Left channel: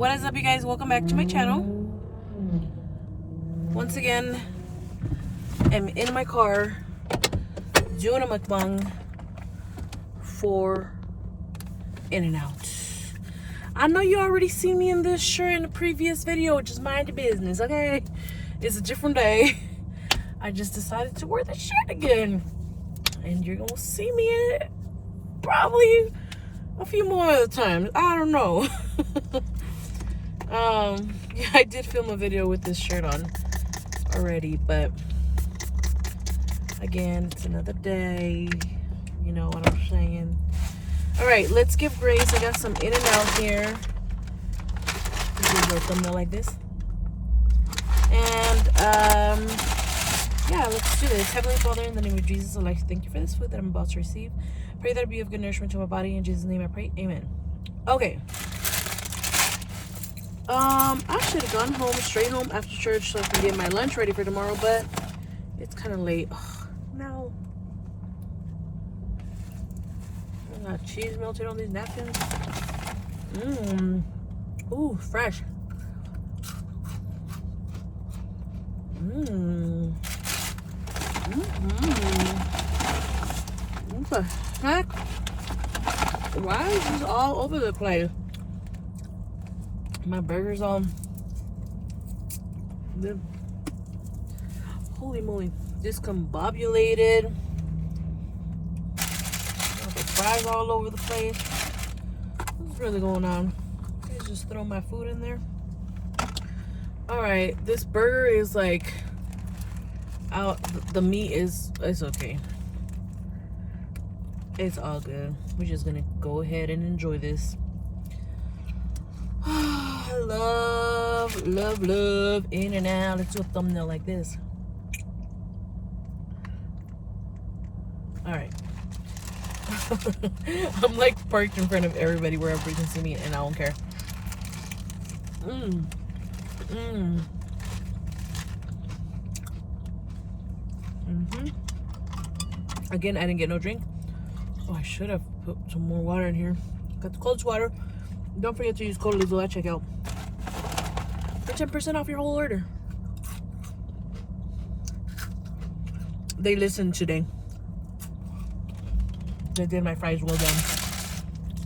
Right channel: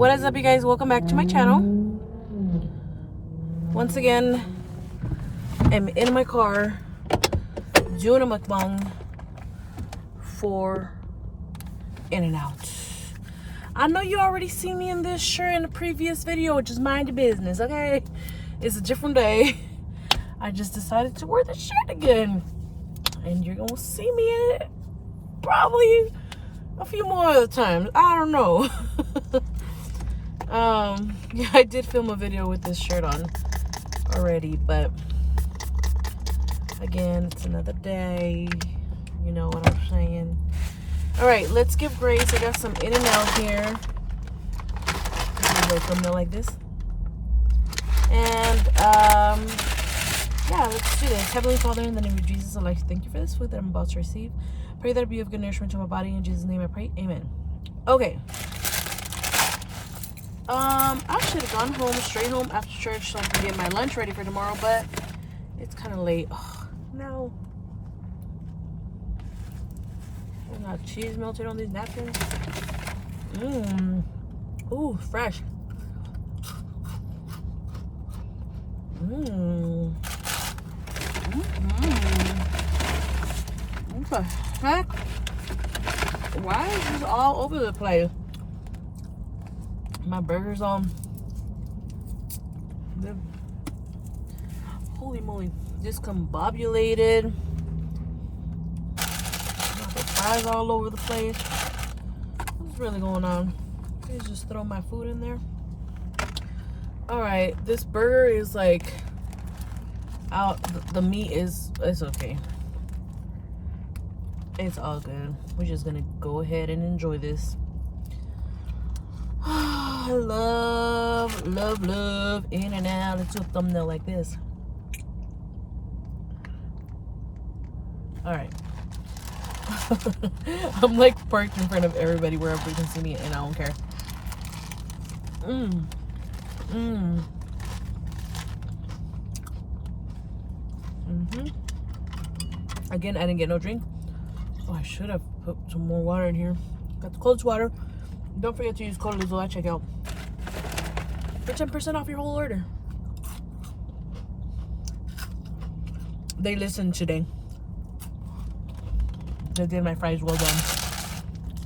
What is up, you guys? Welcome back to my channel. Once again, I'm in my car doing a mukbang for In Out. I know you already seen me in this shirt in the previous video. Just mind your business, okay? It's a different day. I just decided to wear the shirt again, and you're gonna see me in it probably a few more other times. I don't know. Yeah, I did film a video with this shirt on already, but again, it's another day. You know what I'm saying? All right, let's give grace. I got some In and Out here. This is a thumbnail like this. And yeah, let's do this. Heavenly Father, in the name of Jesus, I'd like to thank you for this food that I'm about to receive. Pray that it be of good nourishment to my body. In Jesus' name I pray. Amen. Okay. I should have gone home, straight home after church so I can get my lunch ready for tomorrow, but it's kind of late. Oh, no. I got cheese melted on these napkins. Ooh, fresh. What the heck? Why is this all over the place? My burger's on. Holy moly, discombobulated. The fries all over the place. What's really going on? Please just throw my food in there. Alright, this burger is like out. The meat is, it's okay. It's all good. We're just gonna go ahead and enjoy this. Love In and Out. Let's do a thumbnail like this. All right. I'm like parked in front of everybody wherever you can see me, and I don't care. Again, I didn't get no drink. Oh, I should have put some more water in here. Got the Coldest Water. Don't forget to use code LIZLO at checkout for 10% off your whole order. They listened today. They did my fries well done.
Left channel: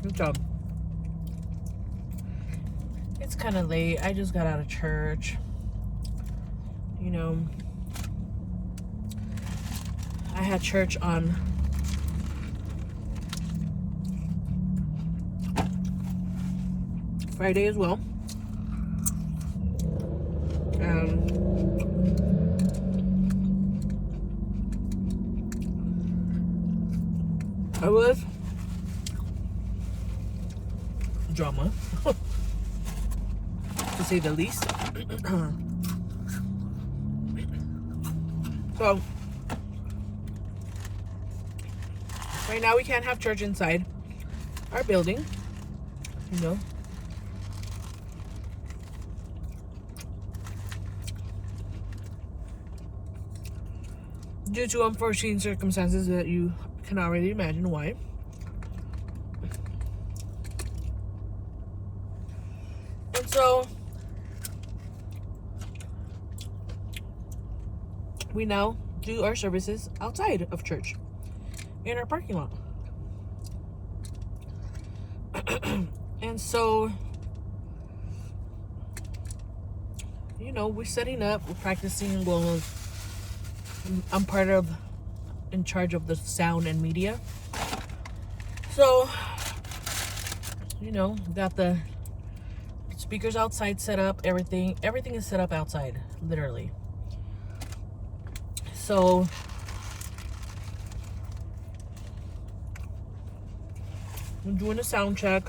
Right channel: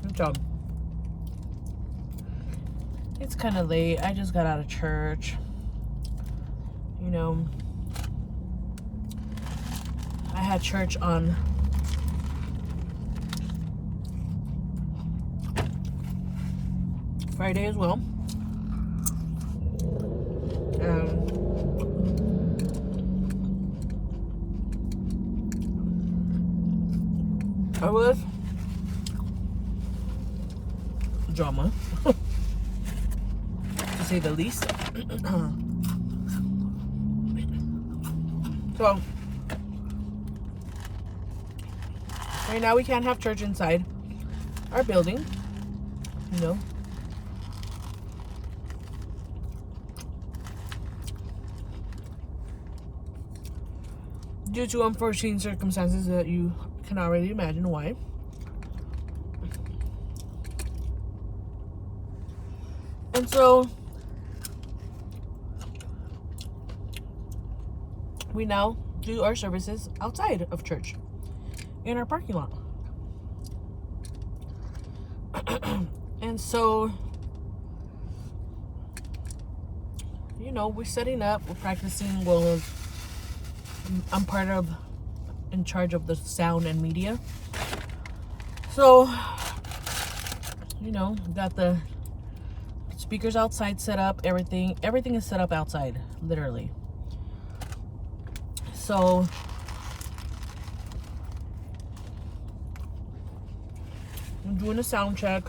Good job. It's kind of late. I just got out of church. You know, I had church on Friday as well. I was drama, to say the least. So right now we can't have church inside our building, you know. Due to unforeseen circumstances that you can already imagine why. And so we now do our services outside of church in our parking lot. And so, you know, we're setting up, we're practicing. Well, I'm in charge of the sound and media. So, you know, got the speakers outside set up, everything is set up outside, literally. So, we're doing a sound check.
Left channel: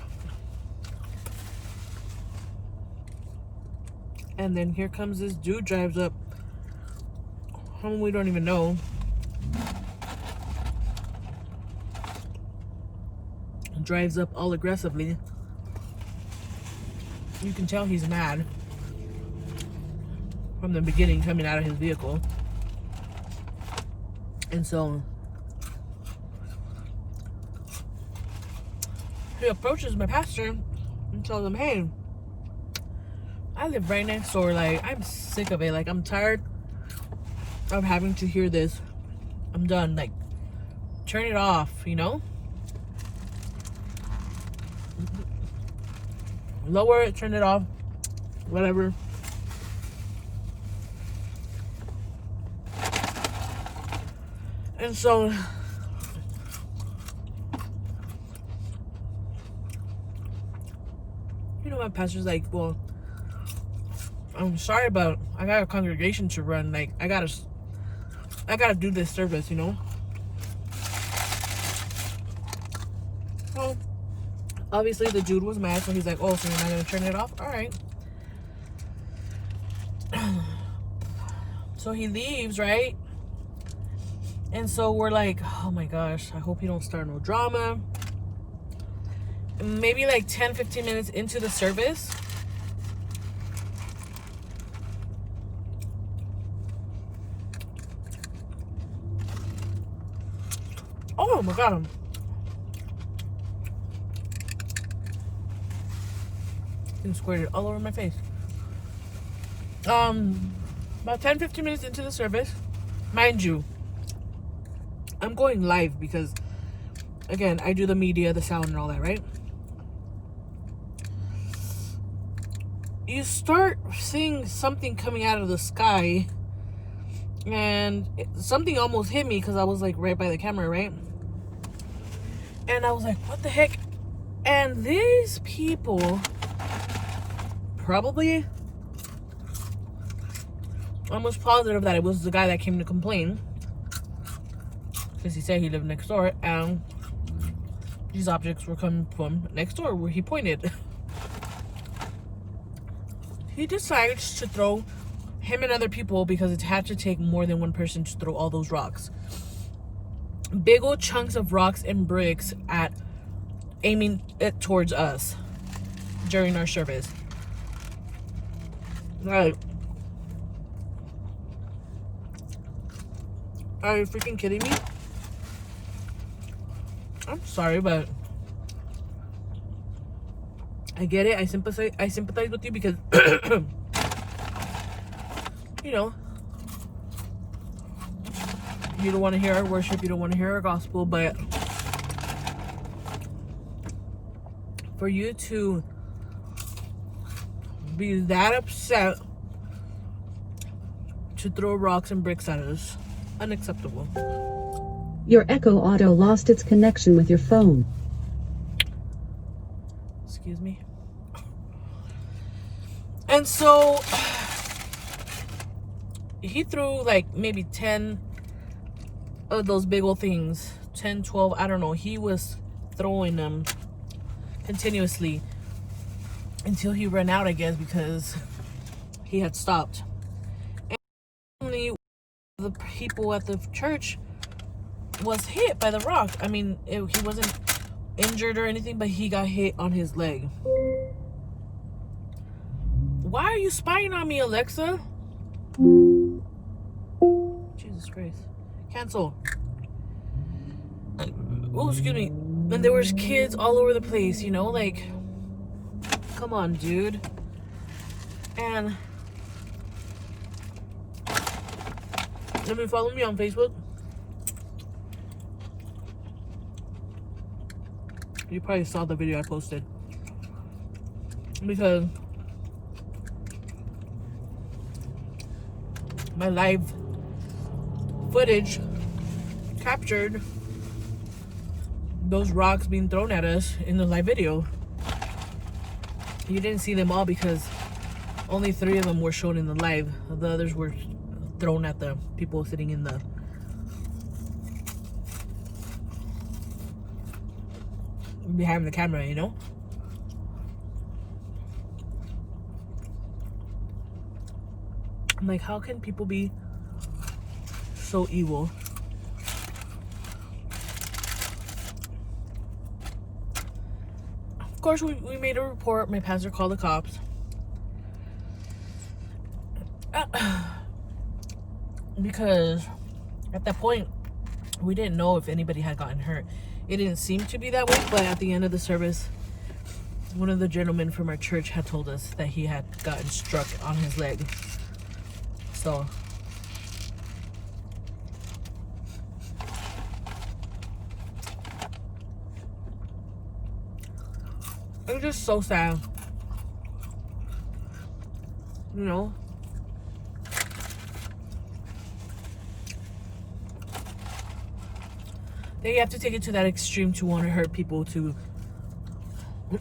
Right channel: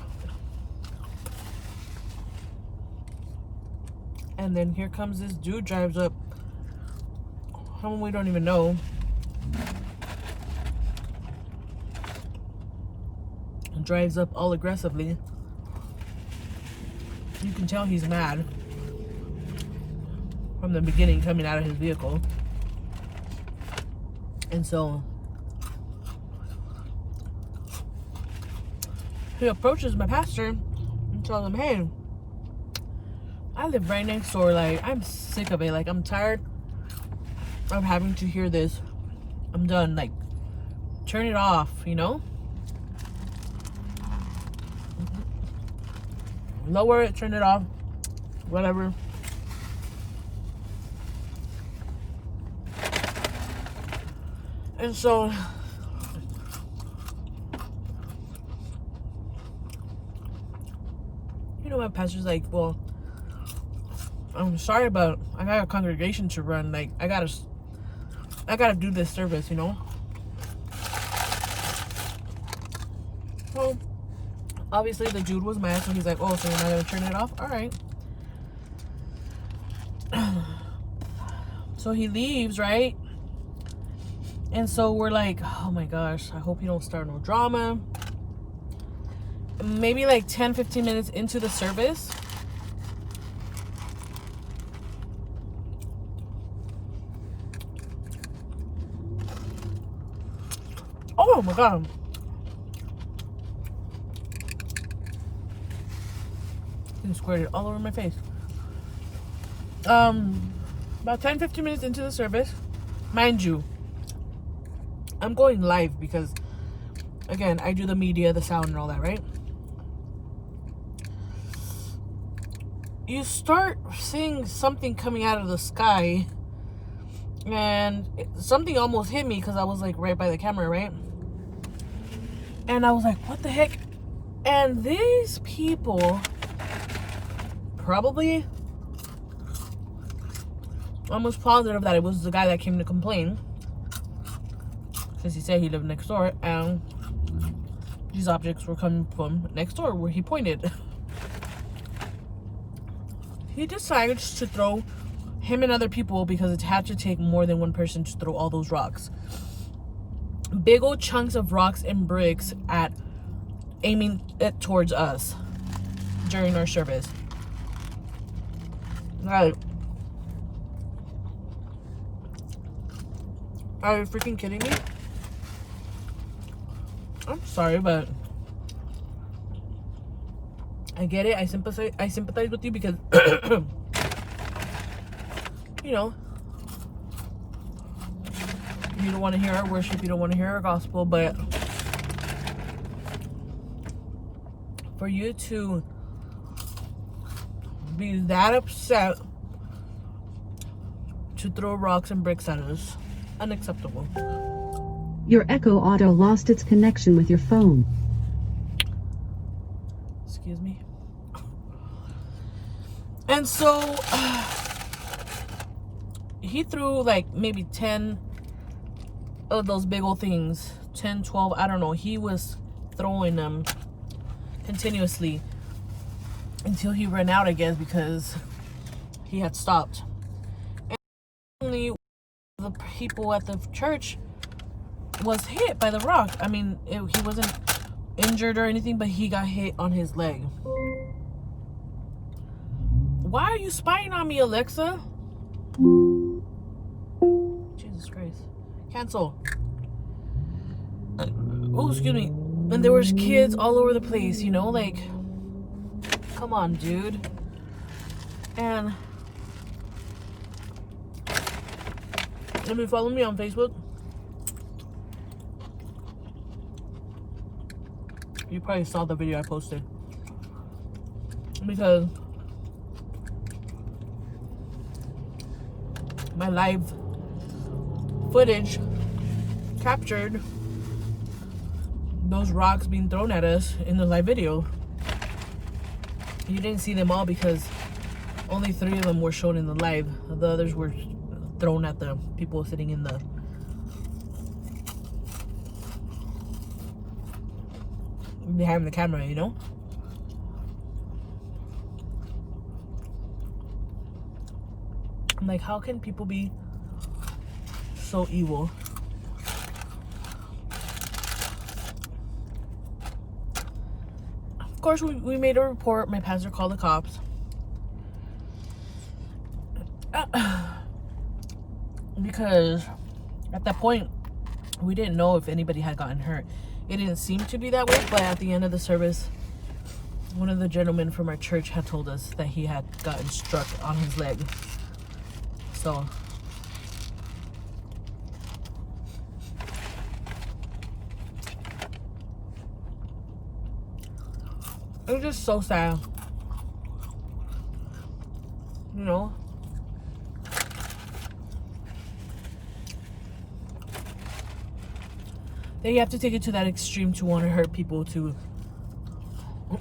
And then here comes this dude, drives up. Someone we don't even know. Drives up all aggressively. You can tell he's mad from the beginning, coming out of his vehicle. And so he approaches my pastor and tells him, hey, I live right next door. Like, I'm sick of it. Like, I'm tired of having to hear this. I'm done. Like, turn it off, you know? Lower it, turn it off, whatever. And so, you know, my pastor's like, well, I'm sorry, but I got a congregation to run. Like, I gotta do this service, you know? So, obviously the dude was mad, so he's like, oh, so you're not gonna turn it off? All right. So he leaves, right? And so we're like, oh my gosh, I hope he don't start no drama. Maybe like 10-15 minutes into the service, oh my god, he squirted all over my face. About 10-15 minutes into the service, mind you, I'm going live because, again, I do the media, the sound, and all that, right? You start seeing something coming out of the sky, and something almost hit me because I was like right by the camera, right? And I was like, what the heck? And these people, probably, almost positive that it was the guy that came to complain, because he said he lived next door, and these objects were coming from next door where he pointed. He decided to throw him and other people, because it had to take more than one person to throw all those rocks. Big old chunks of rocks and bricks aiming it towards us during our service. Like, are you freaking kidding me? I'm sorry, but I get it. I sympathize with you because you know, you don't want to hear our worship, you don't want to hear our gospel, but for you to be that upset to throw rocks and bricks at us, unacceptable. Your Echo Auto lost its connection with your phone. Excuse me. And so he threw like maybe 10 of those big old things, 10, 12, I don't know. He was throwing them continuously until he ran out, I guess, because he had stopped. And only the people at the church was hit by the rock. I mean, he wasn't injured or anything, but he got hit on his leg. Why are you spying on me, Alexa? Jesus Christ. Cancel. Oh, excuse me. And there was kids all over the place, you know, like, come on, dude. And let me follow me on Facebook. You probably saw the video I posted, because my live footage captured those rocks being thrown at us in the live video. You didn't see them all because only 3 of them were shown in the live. The others were thrown at the people sitting in the behind the camera, you know? I'm like, how can people be so evil? Of course, we made a report. My pastor called the cops. Because at that point, we didn't know if anybody had gotten hurt. It didn't seem to be that way, but at the end of the service, one of the gentlemen from our church had told us that he had gotten struck on his leg. So it's just so sad, you know. They have to take it to that extreme to want to hurt people, to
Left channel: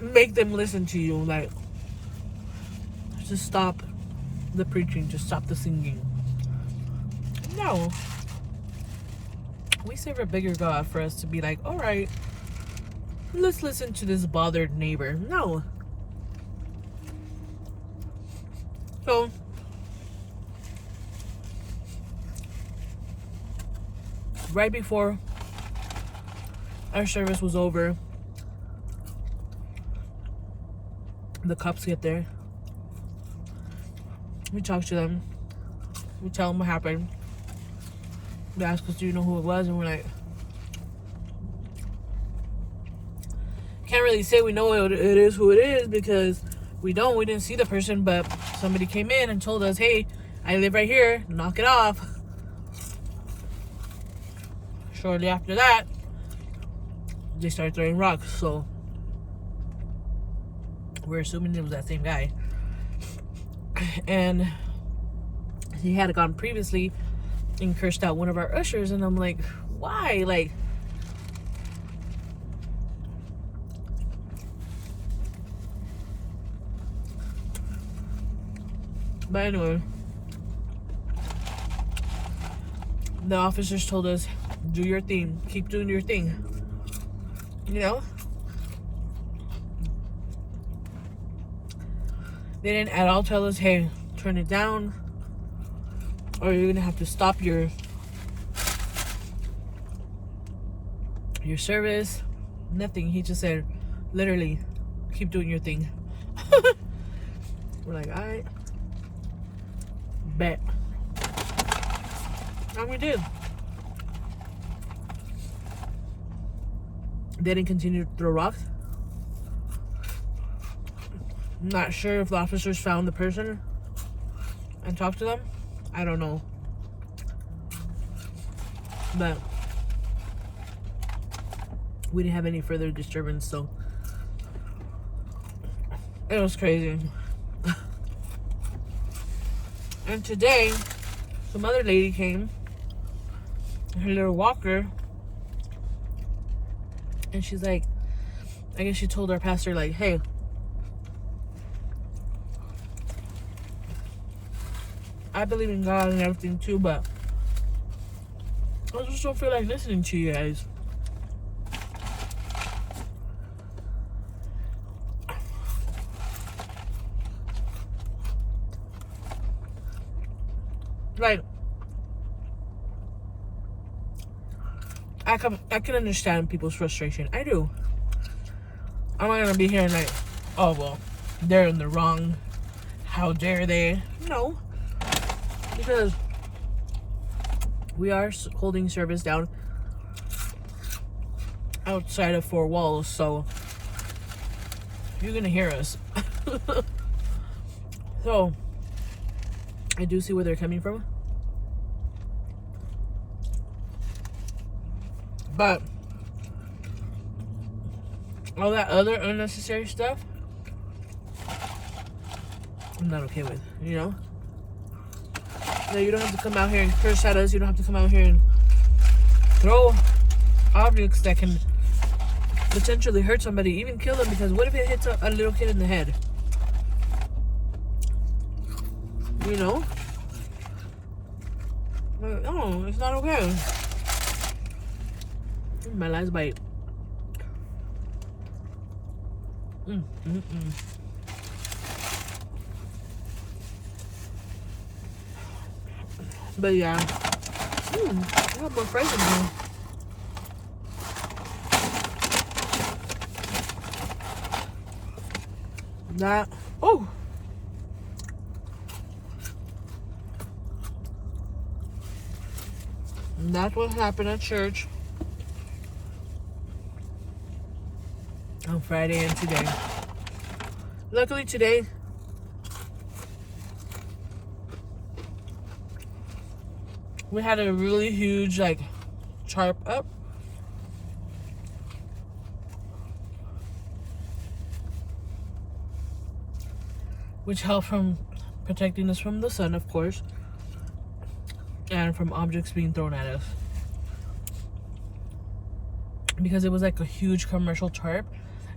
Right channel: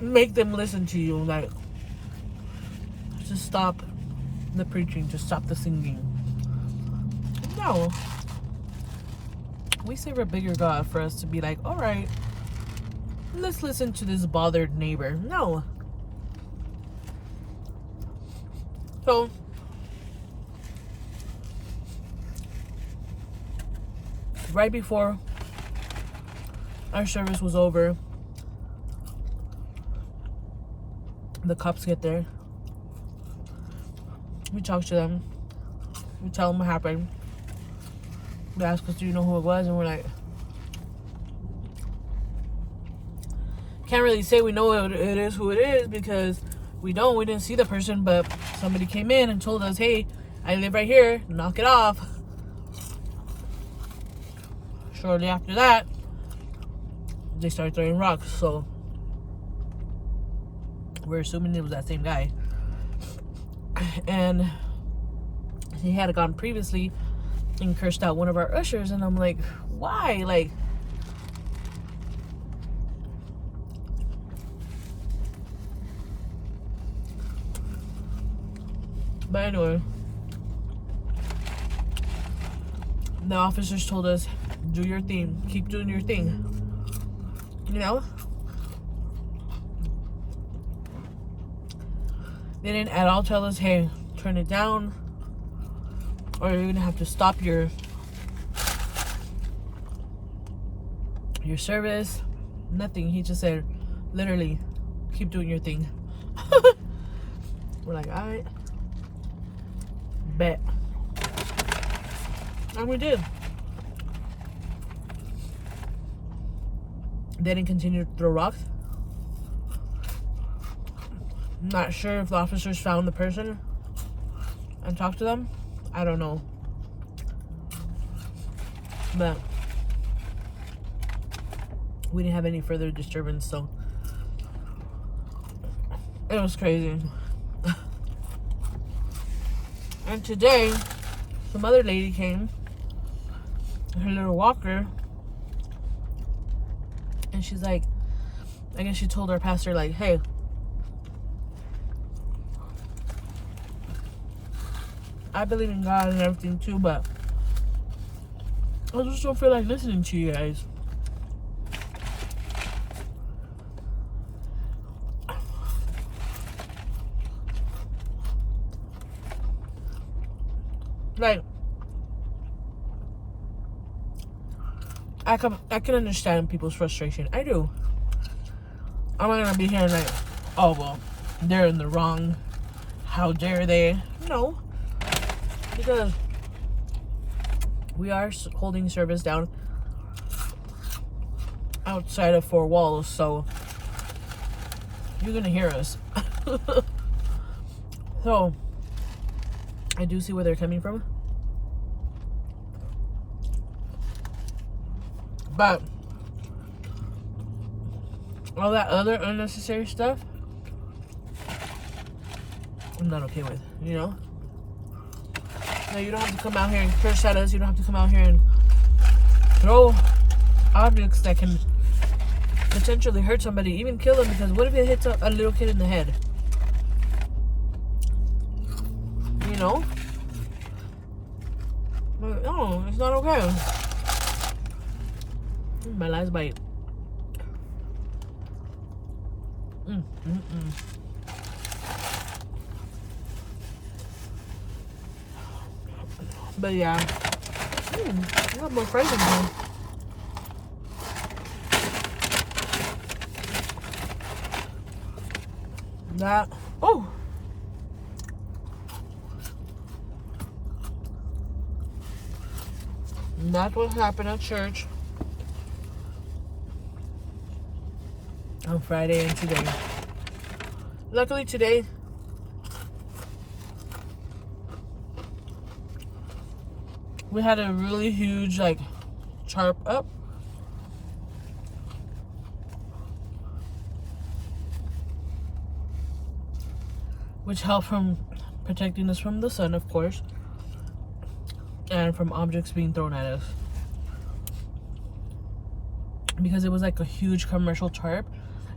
make them listen to you. Like, just stop the preaching, just stop the singing. No. We serve a bigger God for us to be like, all right, let's listen to this bothered neighbor. No. So, right before our service was over, the cops get there. We talk to them. We tell them what happened. They ask us, do you know who it was? And we're like, can't really say we know it is who it is, because we didn't see the person, but somebody came in and told us, hey, I live right here, knock it off. Shortly after that, they started throwing rocks, so we're assuming it was that same guy. And he had gone previously and cursed out one of our ushers, and I'm like, why? Like, but anyway, the officers told us, do your thing, keep doing your thing, you know. They didn't at all tell us, hey, turn it down, or you're gonna have to stop your service. Nothing. He just said, literally, keep doing your thing. We're like, all right, bet. And we did. They didn't continue to throw rocks. Not sure if the officers found the person and talked to them. I don't know. But we didn't have any further disturbance, so it was crazy. And today, some other lady came, her little walker, and she's like, I guess she told our pastor, like, hey, I believe in God and everything too, but I just don't feel like listening to you guys. Like, I can understand people's frustration. I do. I'm not gonna be here like, oh well, they're in the wrong. How dare they? No. Because we are holding service down outside of 4 walls, so you're gonna hear us. So I do see where they're coming from, but all that other unnecessary stuff, I'm not okay with, you know? No, you don't have to come out here and curse at us. You don't have to come out here and throw objects that can potentially hurt somebody, even kill them, because what if it hits a little kid in the head? You know? But no, it's not okay. My last bite. But yeah, I got more fries in here. That, oh, that's what happened at church on Friday and today. Luckily today, we had a really huge like tarp up. Which helped from protecting us from the sun, of course, and from objects being thrown at us. Because it was like a huge commercial tarp,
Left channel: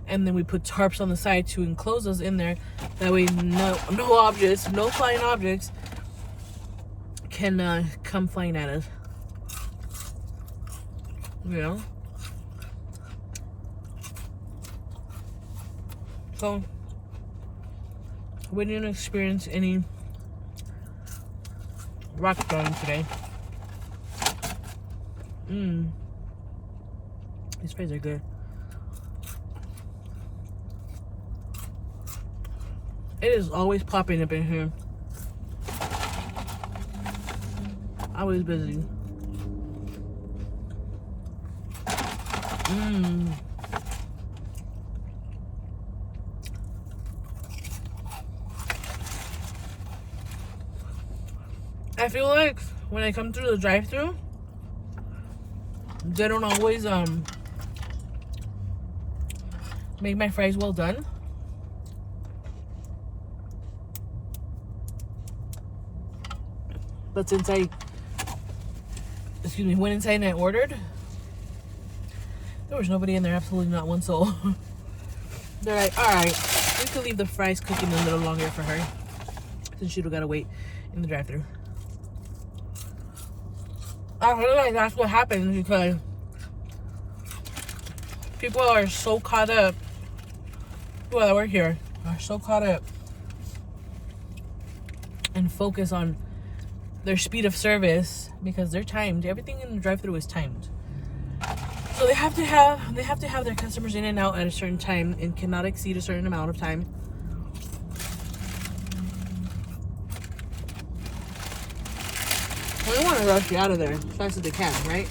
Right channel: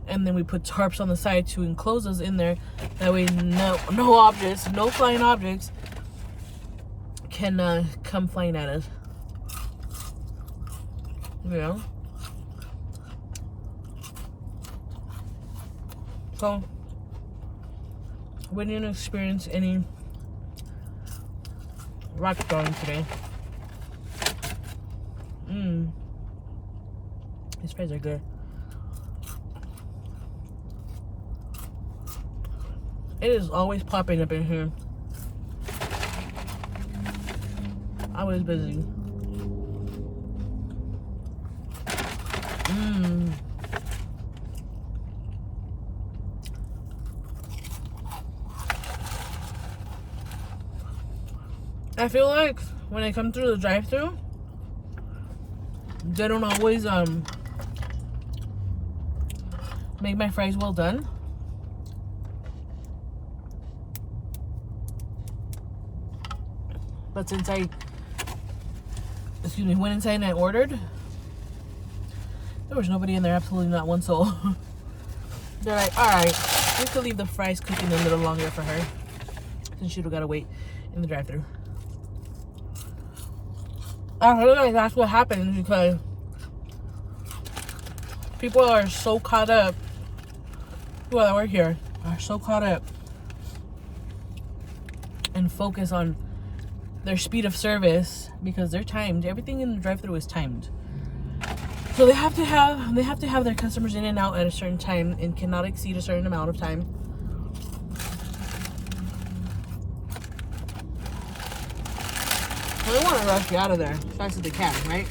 and then we put tarps on the side to enclose us in there. That way, no objects, no flying objects can come flying at us. You know. So we didn't experience any rock throwing today. These fries are good. It is always popping up in here. Always busy. I feel like when I come through the drive-thru, they don't always make my fries well done. But since I went inside and I ordered, there was nobody in there, absolutely not one soul. They're like, alright, we could leave the fries cooking a little longer for her, since she'd gotta wait in the drive-thru. I feel like that's what happens because people are so caught up, people that work here are so caught up and focus on their speed of service because they're timed. Everything in the drive-thru is timed. So they have to have their customers in and out at a certain time and cannot exceed a certain amount of time. They want to rush you out of there as fast as they can, right?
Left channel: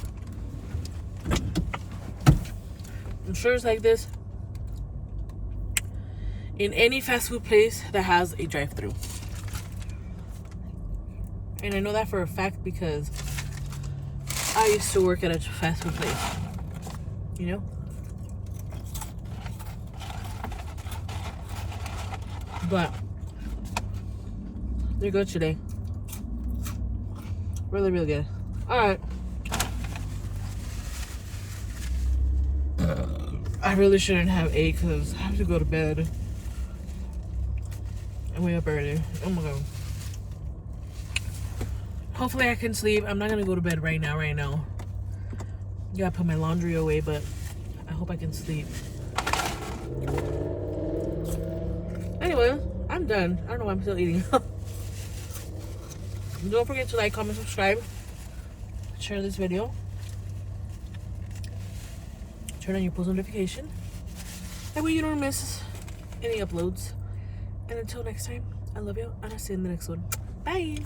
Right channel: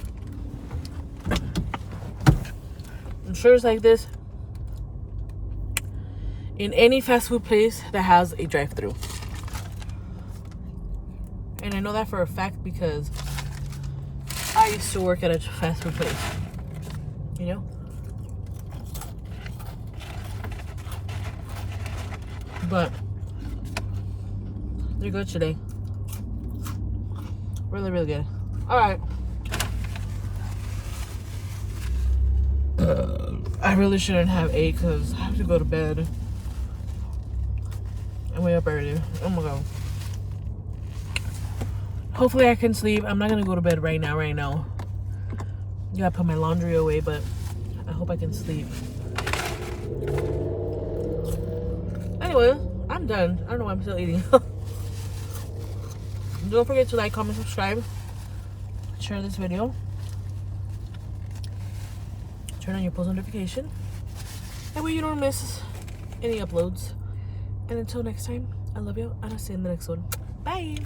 I'm sure it's like this in any fast food place that has a drive-thru. And I know that for a fact because I used to work at a fast food place. You know? But they're good today. Really, really good. Alright. I really shouldn't have ate because I have to go to bed. I'm way up early. Oh my god. Hopefully I can sleep. I'm not gonna go to bed right now. I gotta put my laundry away, but I hope I can sleep. Anyway, I'm done. I don't know why I'm still eating. Don't forget to like, comment, subscribe, share this video, turn on your post notification, that way you don't miss any uploads. And until next time, I love you, and I'll see you in the next one. Bye.